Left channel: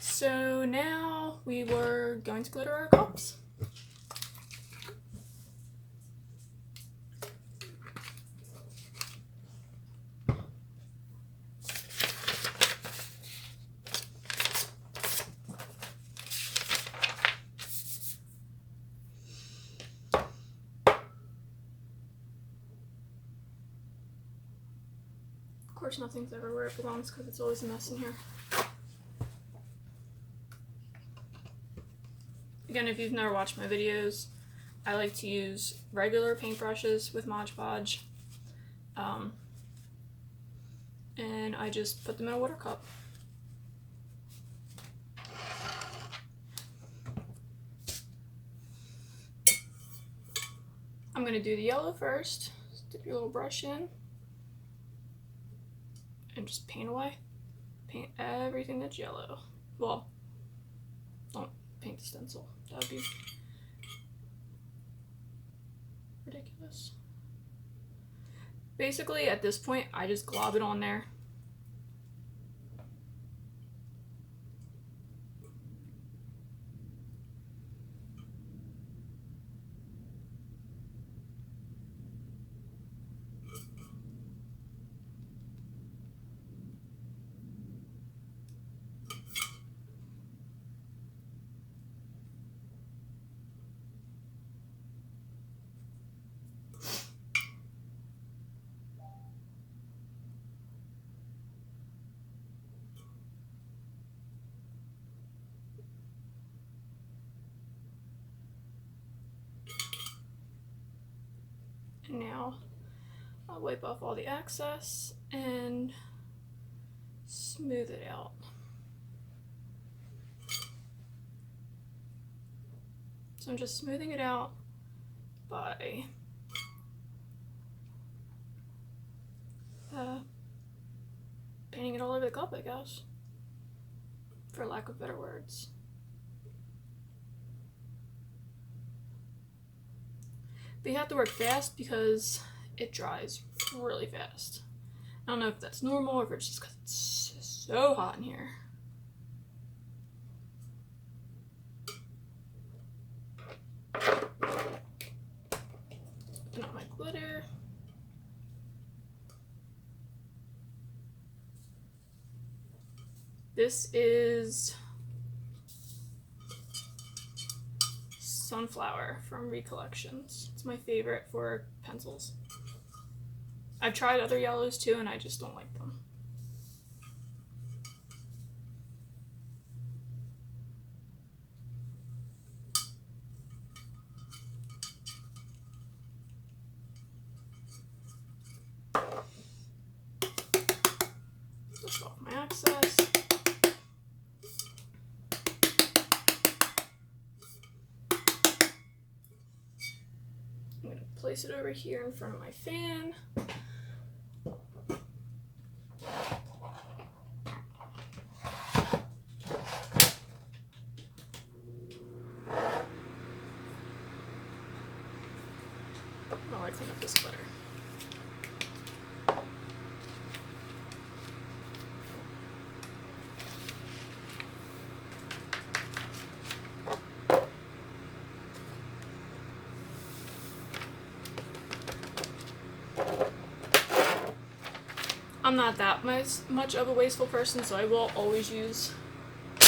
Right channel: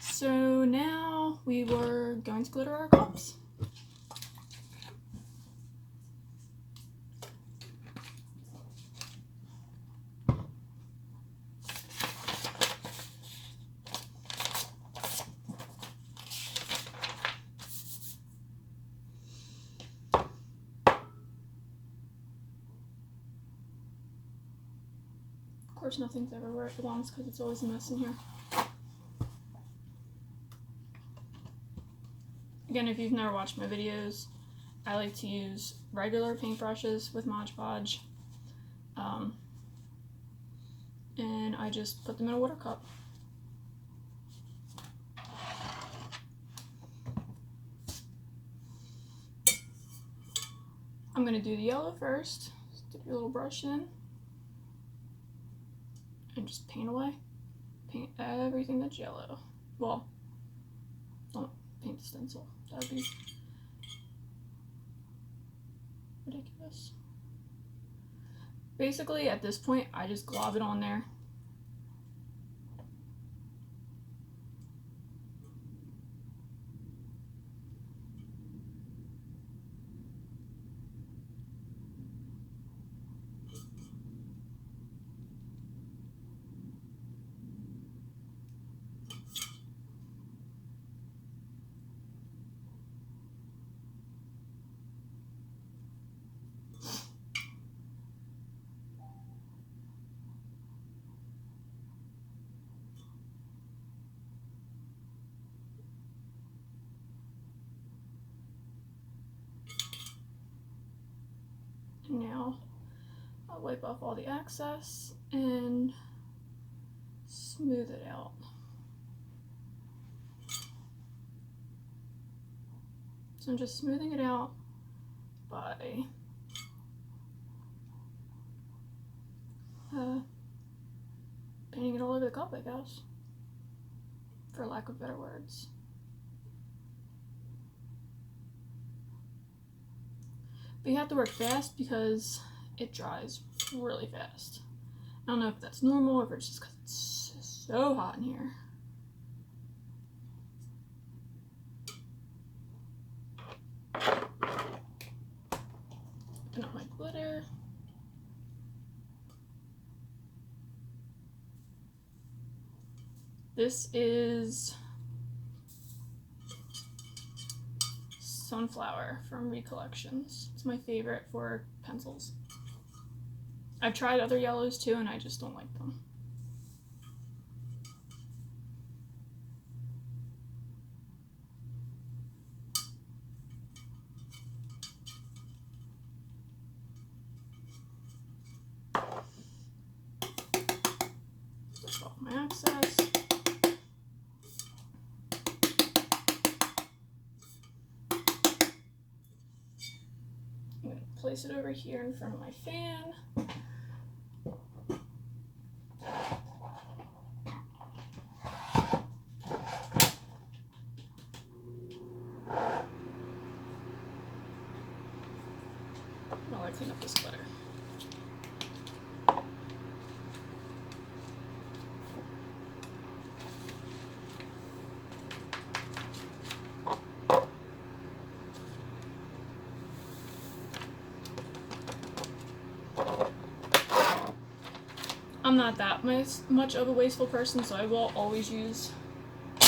So now we were going to glitter our cups. Of course, nothing's ever where it belongs because it's always a mess in here. Again, if you've never watched my videos, I like to use regular paintbrushes with Mod Podge. And I just put them in a water cup. I'm going to do the yellow first. Dip your little brush in. And just paint away. Paint everything that's yellow. Well, don't paint the stencil. That would be ridiculous. Basically, at this point, I just glob it on there. And now I'll wipe off all the excess and smooth it out. So I'm just smoothing it out by painting it all over the cup, I guess, for lack of better words. But you have to work fast because it dries really fast. I don't know if that's normal or if it's just because it's so hot in here. And my glitter. This is Sunflower from Recollections. It's my favorite for pencils. I've tried other yellows too, and I just don't like them. Dust off my excess. Place it over here in front of my fan. While I clean up this glitter. I'm not that much of a wasteful person, so I will always use the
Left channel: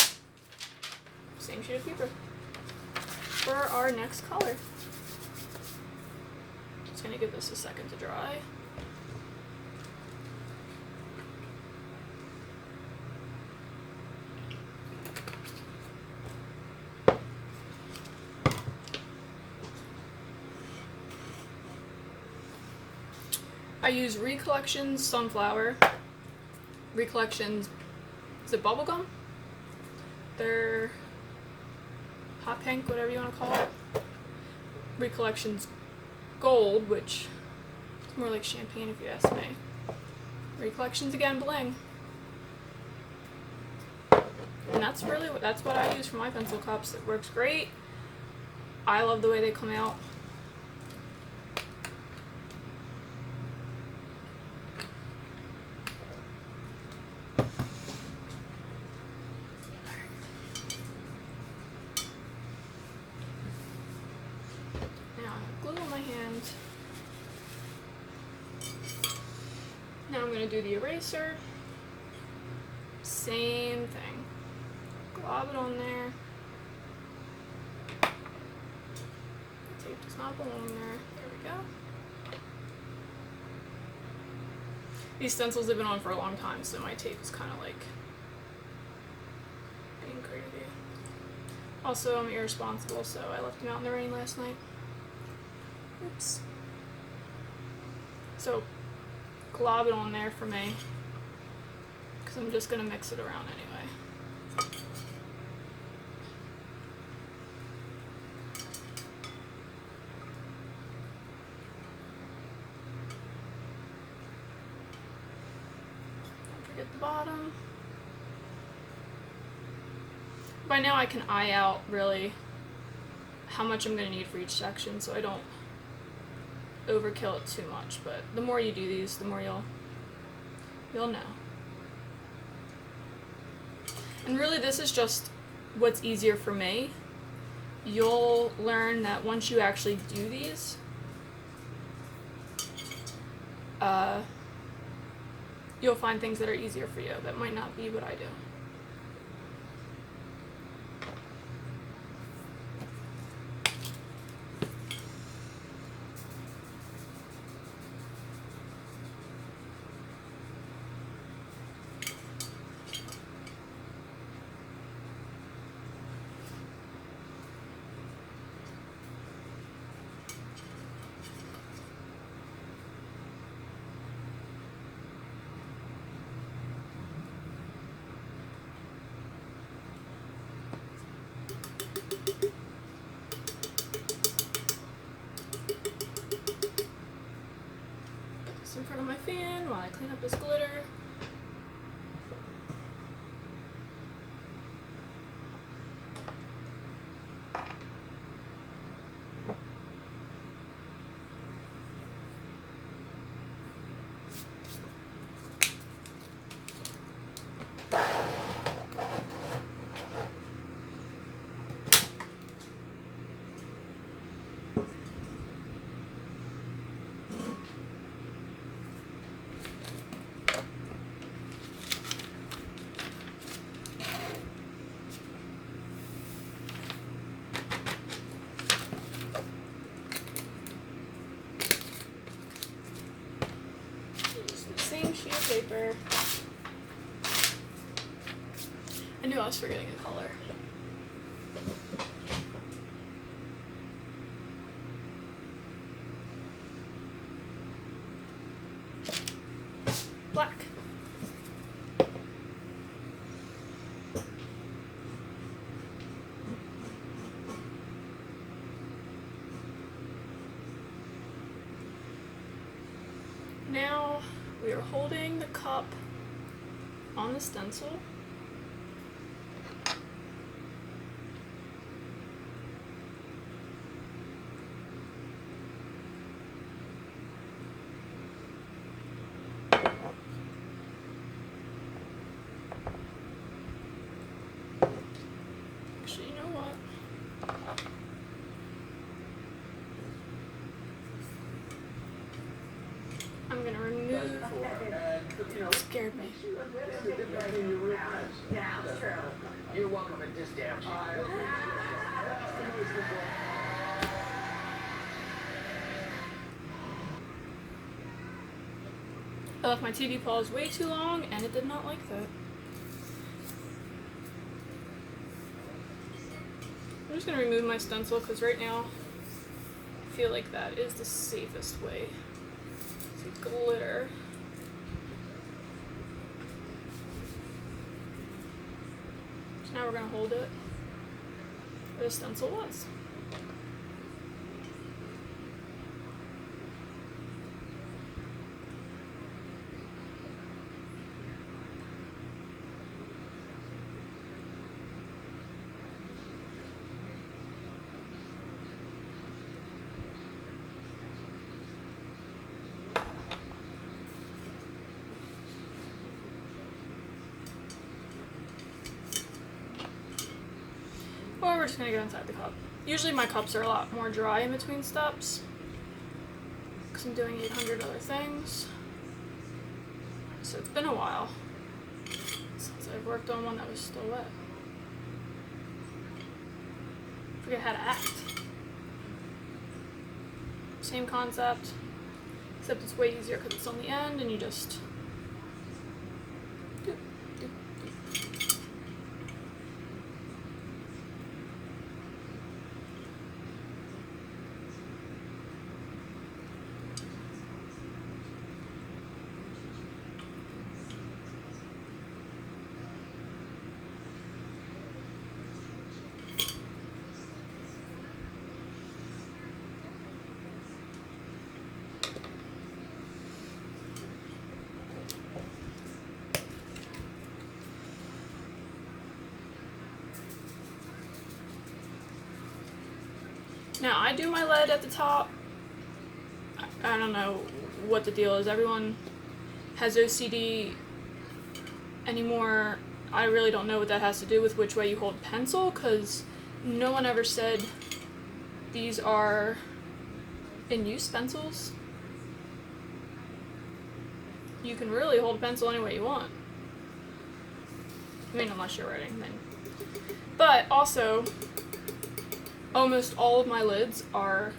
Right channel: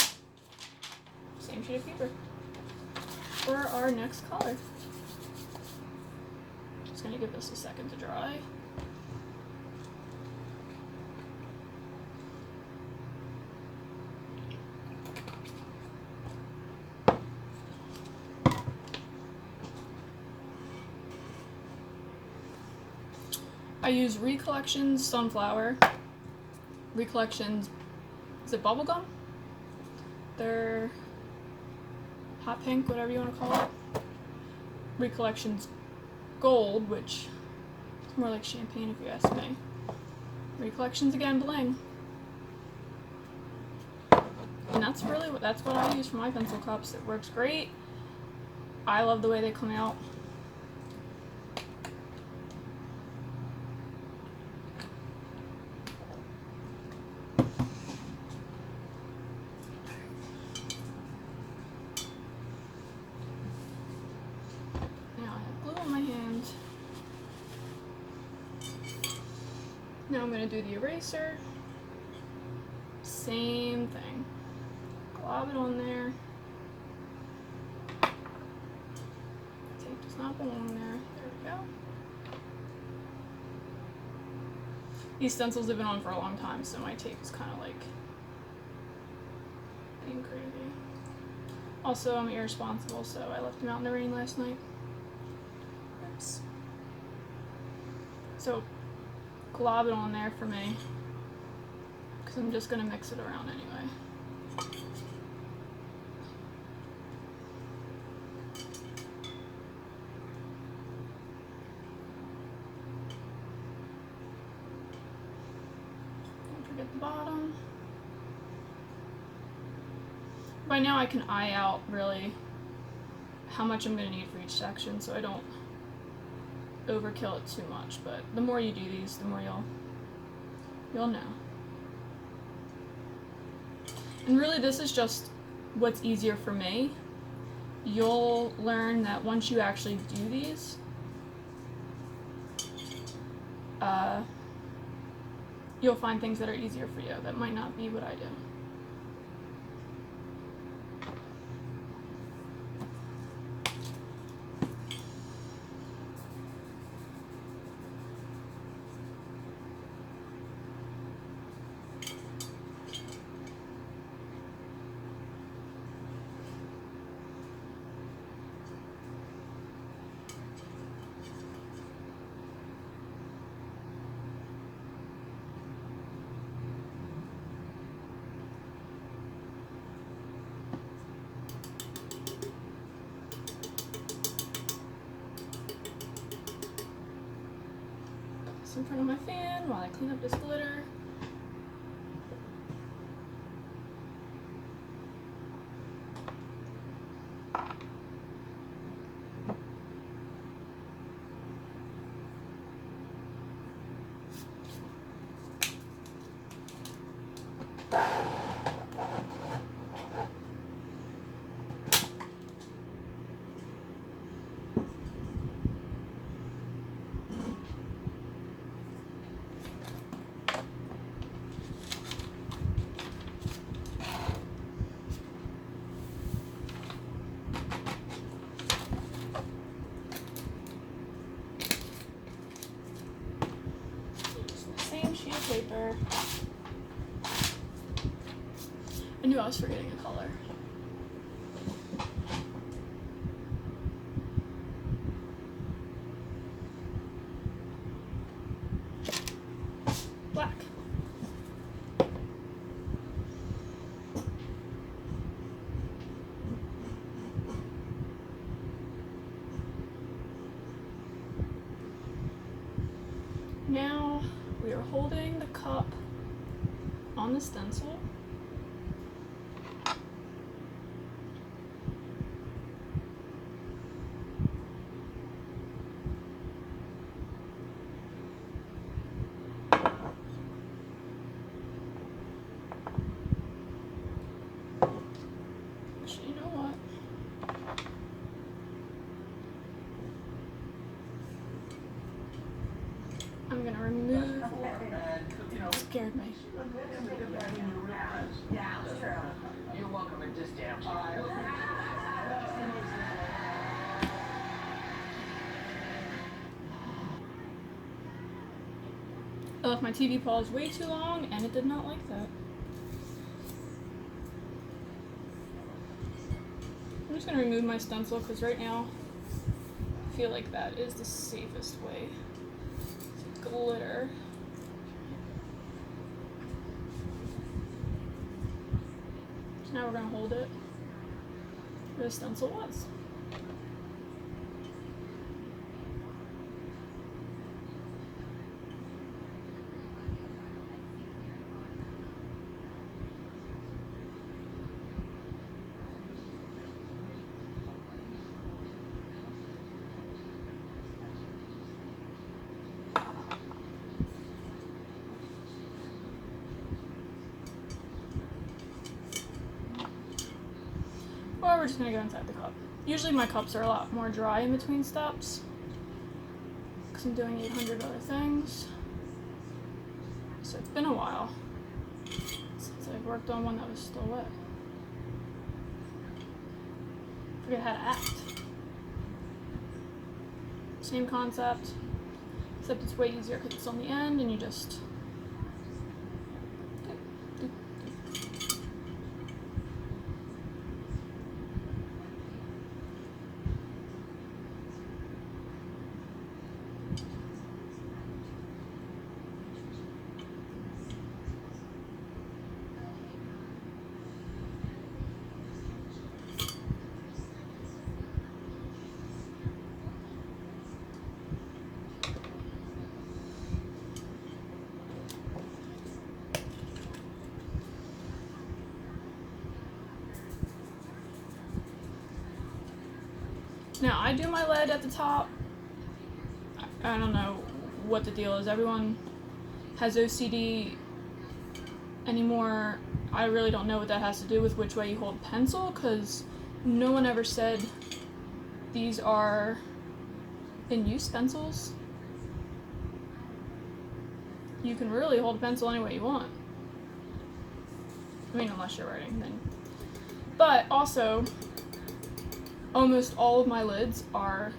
same sheet of paper for our next color. Just gonna give this a second to dry. I use Recollections Sunflower. Recollections, is it bubblegum? They're hot pink, whatever you want to call it. Recollections Gold, which is more like champagne if you ask me. Recollections again, bling. And that's what I use for my pencil cups. It works great. I love the way they come out. Now I'm going to do the eraser. Same thing. Glob it on there. Tape does not belong there. There we go. These stencils have been on for a long time, so my tape is kind of like being crazy. Also, I'm irresponsible, so I left them out in the rain last night. Oops. So, glob it on there for me, because I'm just going to mix it around anyway. Don't forget the bottom. By now I can eye out really how much I'm going to need for each section, so I don't overkill it too much, but the more you do these, the more you'll know. And really this is just what's easier for me. You'll learn that once you actually do these, you'll find things that are easier for you that might not be what I do. In front of my fan while I clean up this glitter. Paper. I knew I was forgetting a color. Black. Now we are holding the cup on the stencil. Actually, you know what? I'm gonna remove. It scared me. You're welcome at this damn I left my TV pause way too long, and it did not like that. I'm just gonna remove my stencil because right now I feel like that is the safest way to glitter. So now we're gonna hold it where the stencil was. Or we're just gonna go inside the cup. Usually my cups are a lot more dry in between steps because I'm doing 800 other things. So it's been a while since I've worked on one that was still wet. Forget how to act. Same concept, except it's way easier because it's on the end and you just doop, doop, doop. Now, I do my lead at the top. I don't know what the deal is. Everyone has OCD anymore. I really don't know what that has to do with which way you hold pencil, because no one ever said these are in-use pencils. You can really hold a pencil any way you want. I mean, unless you're writing, then. But also, almost all of my lids are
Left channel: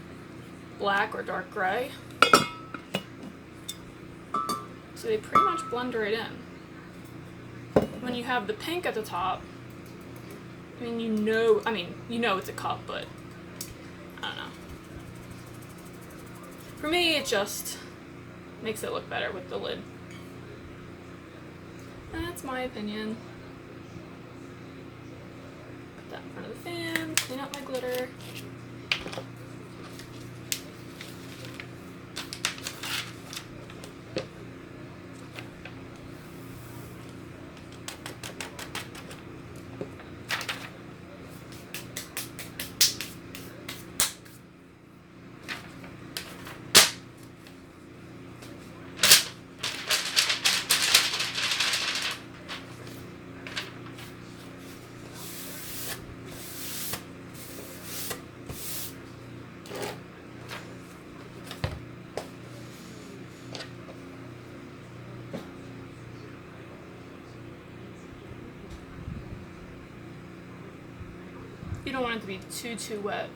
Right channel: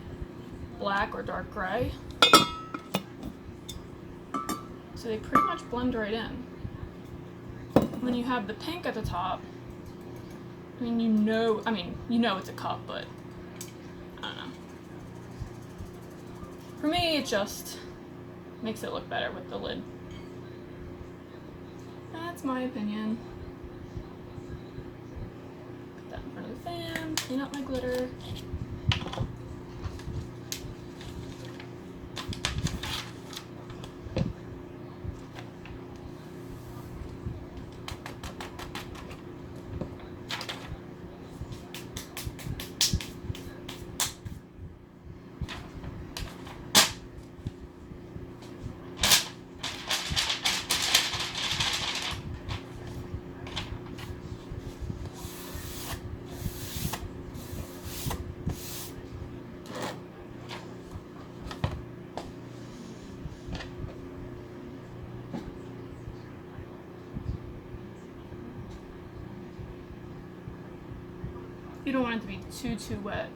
black or dark gray. So they pretty much blend right in. When you have the pink at the top, you know it's a cup, but I don't know. For me, it just makes it look better with the lid. That's my opinion. Put that in front of the fan, clean up my glitter. You don't want it to be too wet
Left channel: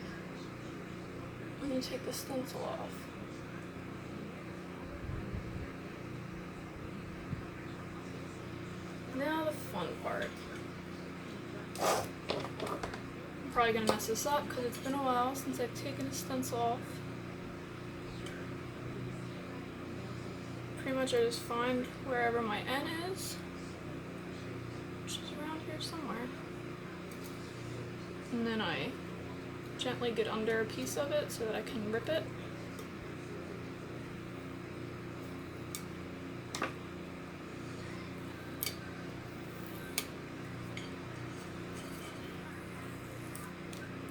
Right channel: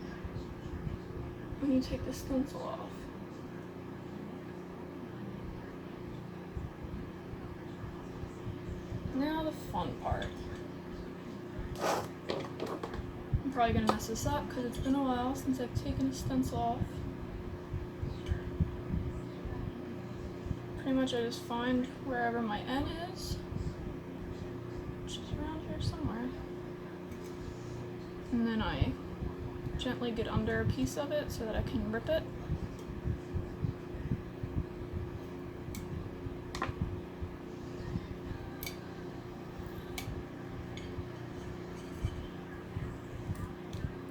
when you take the stencil off. Now the fun part. I'm probably gonna mess this up because it's been a while since I've taken a stencil off. Pretty much I just find wherever my N is, which is around here somewhere. And then I gently get under a piece of it so that I can rip it.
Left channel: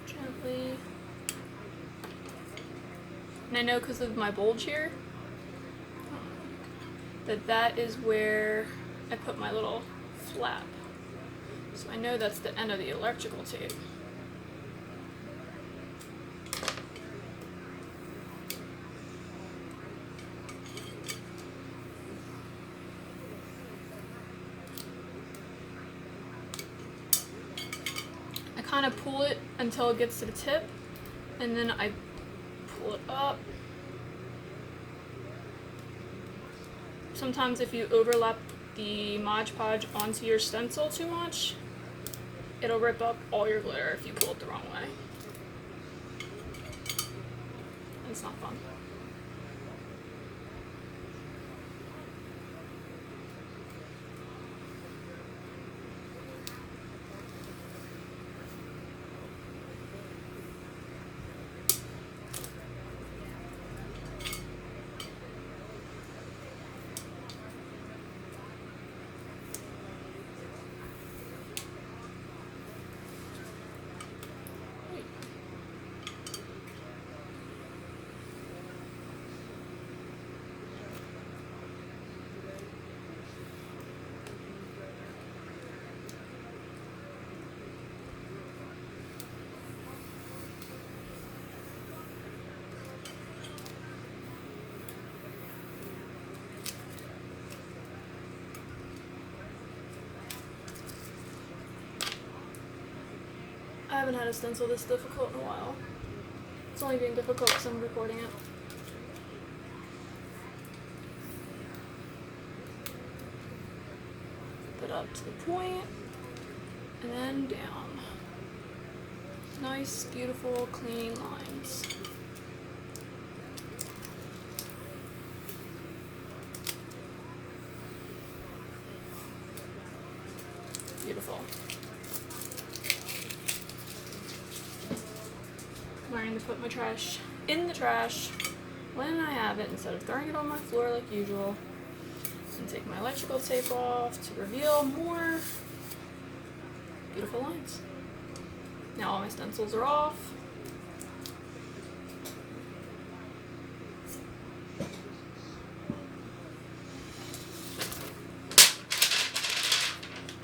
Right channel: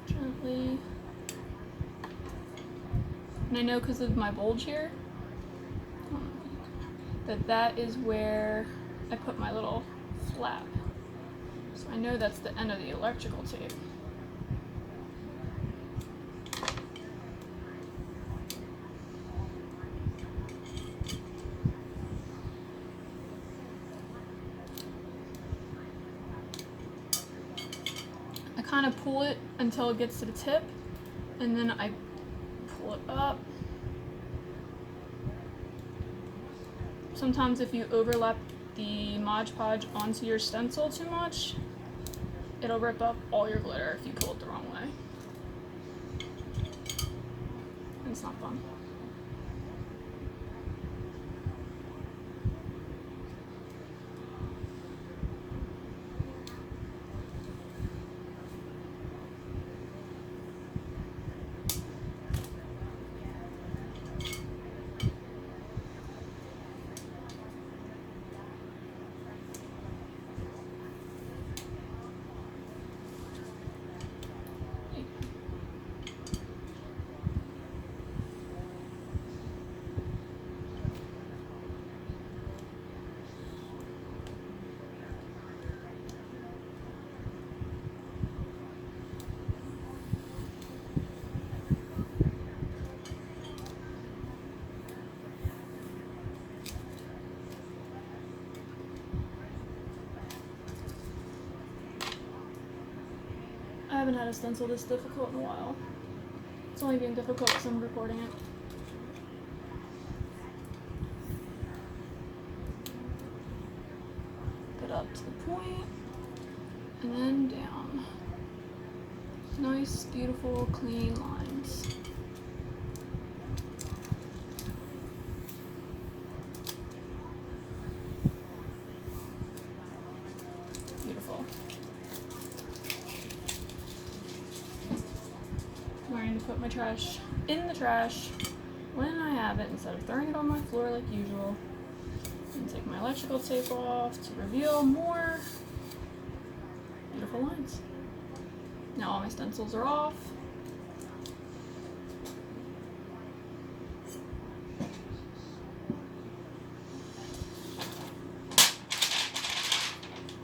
Gently. And I know because of my bulge here, that is where I put my little flap. So I know that's the end of the electrical tape. I kind of pull it until it gets to the tip, and then I pull it up. Sometimes if you overlap the Mod Podge onto your stencil too much, it'll rip up all your glitter if you pull it the wrong way. It's not fun. haven't had a stencil this difficult in a while. It's only being difficult because I'm recording it. Put up to the point, and then down. Nice, beautiful, clean lines. Beautiful. I'm going to put my trash in the trash when I have it instead of throwing it on my floor like usual. And take my electrical tape off to reveal more beautiful lines. Now all my stencils are off.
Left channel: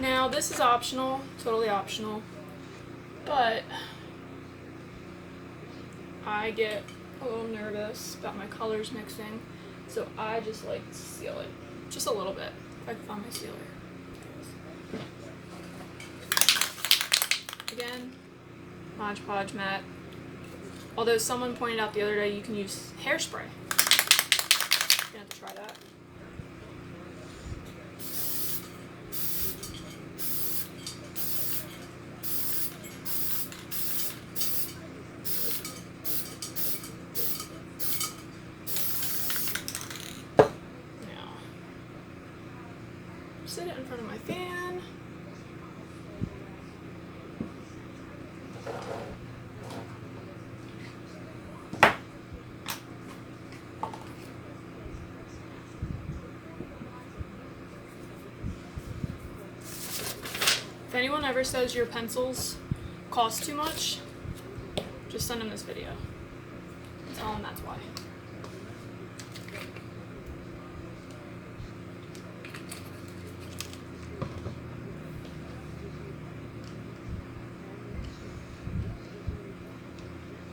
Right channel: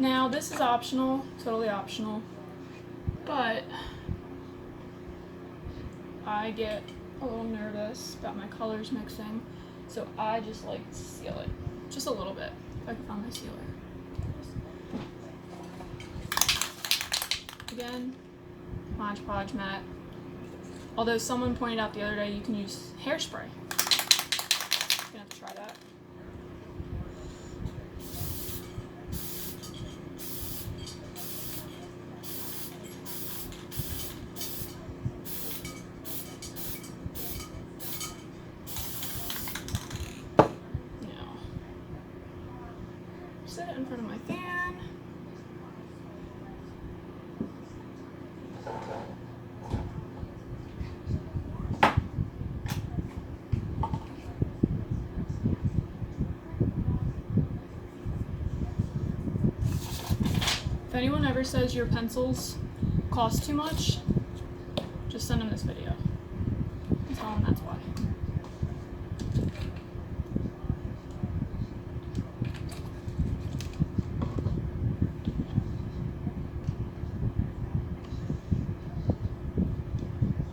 Now this is optional, totally optional, but I get a little nervous about my colors mixing, so I just like to seal it just a little bit if I can find my sealer. Again, Mod Podge matte. Although someone pointed out the other day you can use hairspray. I'm gonna have to try that. Sit it in front of my fan. If anyone ever says your pencils cost too much, just send them this video and tell them that's why.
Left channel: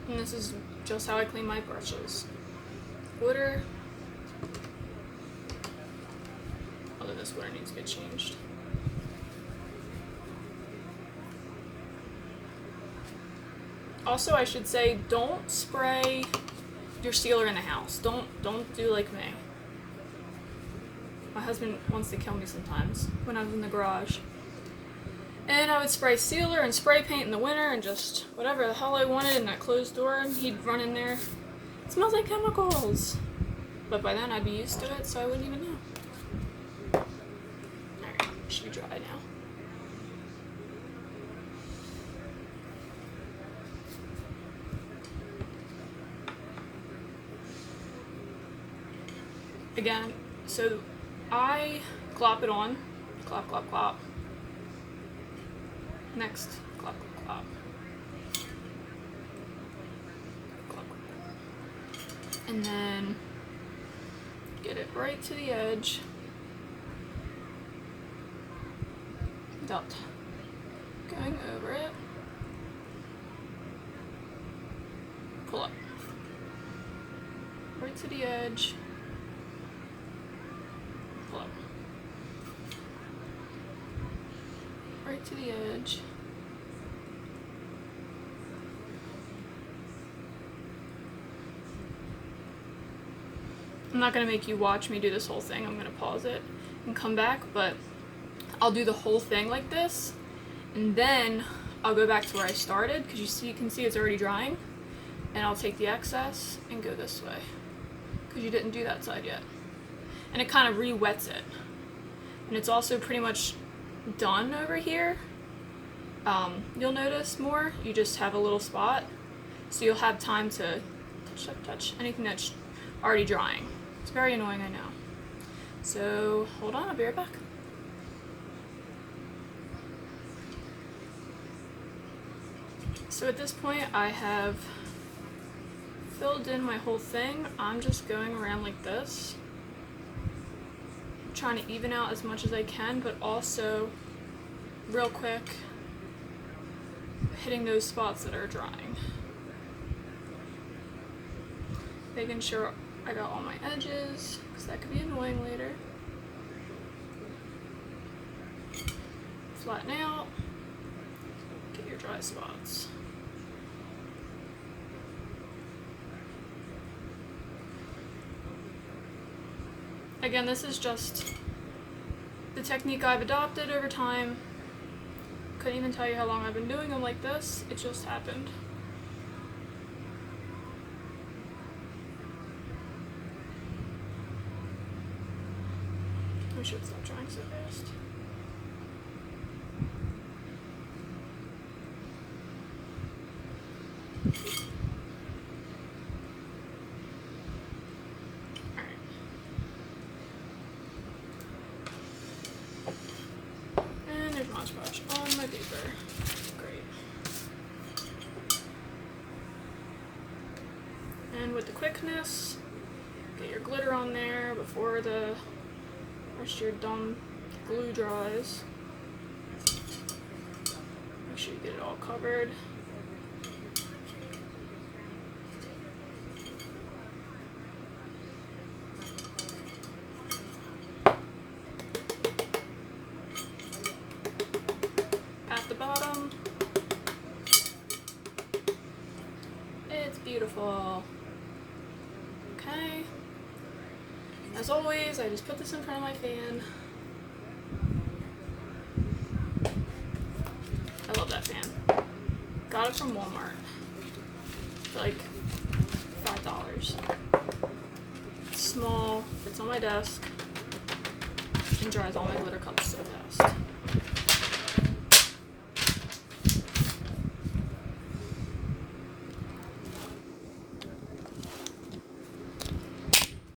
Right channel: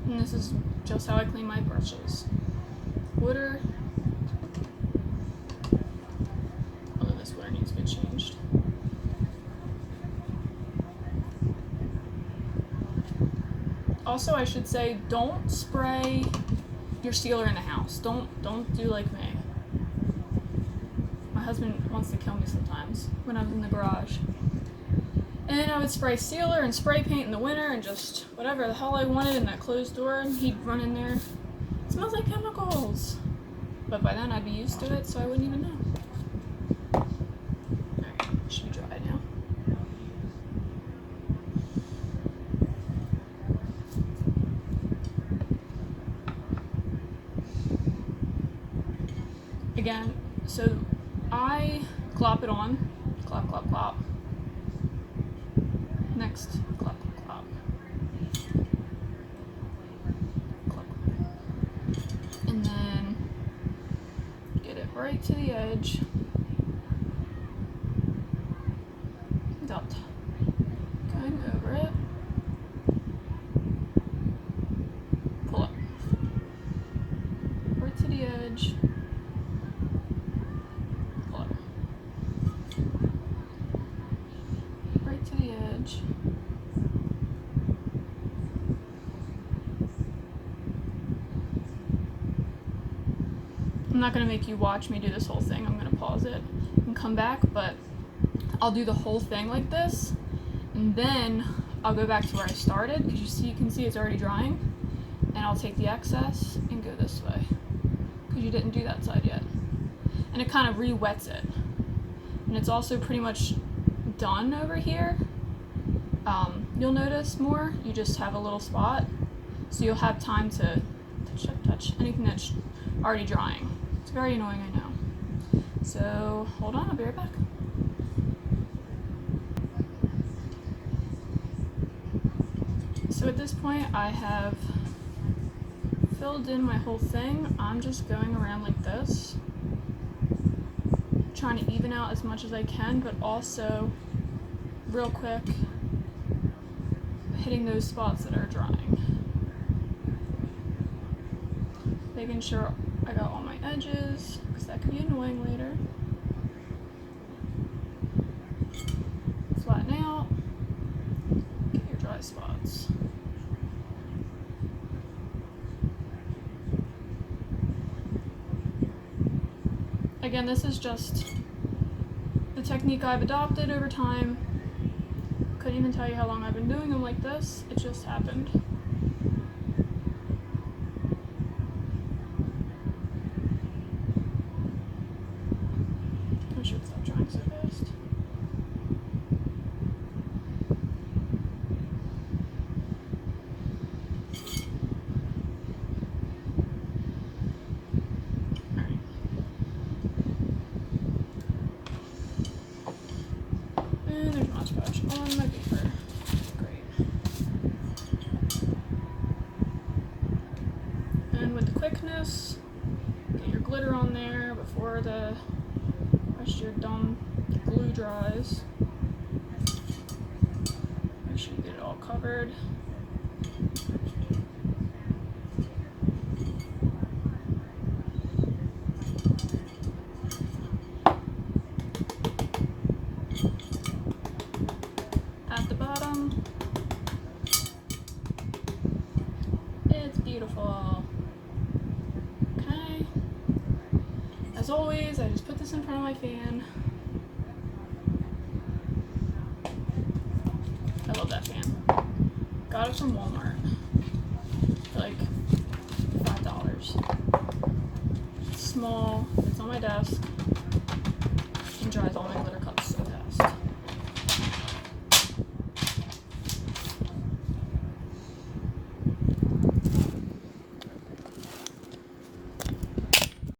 And this is just how I clean my brushes. Glitter. Although this glitter needs to get changed. Also, I should say, don't spray your sealer in the house. Don't do like me. My husband wants to kill me sometimes when I'm in the garage. And I would spray sealer and spray paint in the winter and just whatever the hell I wanted in that closed door, and he'd run in there. It smells like chemicals. But by then I'd be used to it, so I wouldn't even know. Alright, should be dry now. Again, so I clop it on. Clop, clop, clop. Next, clop, clop, clop. Clop. And then get it right to the edge. Without going over it. Pull up. Right to the edge. Pull up. Right to the edge. I'm not going to make you watch me do this whole thing. I'm going to pause it and come back, but I'll do the whole thing like this, and then I'll go back to where I started, because you can see it's already drying, and I'll take the excess and go this way, because you didn't do that side yet. And it kind of re-wets it. And it's also pretty much done over here. You'll notice more, you just have a little spot, so you'll have time to touch anything that's already drying. It's very annoying, I know. So hold on, I'll be right back. So at this point I have filled in my whole thing. I'm just going around like this, trying to even out as much as I can, but also real quick hitting those spots that are drying. Making sure I got all my edges, because that could be annoying later. Flatten out, get your dry spots. again, this is just the technique I've adopted over time. Couldn't even tell you how long I've been doing them like this. It just happened. I should stop trying so fast. Alright. And there's Mod Podge on my paper. Great. And with the quickness, get your glitter on there before the rest of your dumb glue dries. Make sure you get it all covered. At the bottom, it's beautiful. Okay. As always, I just put this in front of my fan. I love that fan. Got it from Walmart. For like $5. It's small, it's on my desk, and dries all my glitter cups.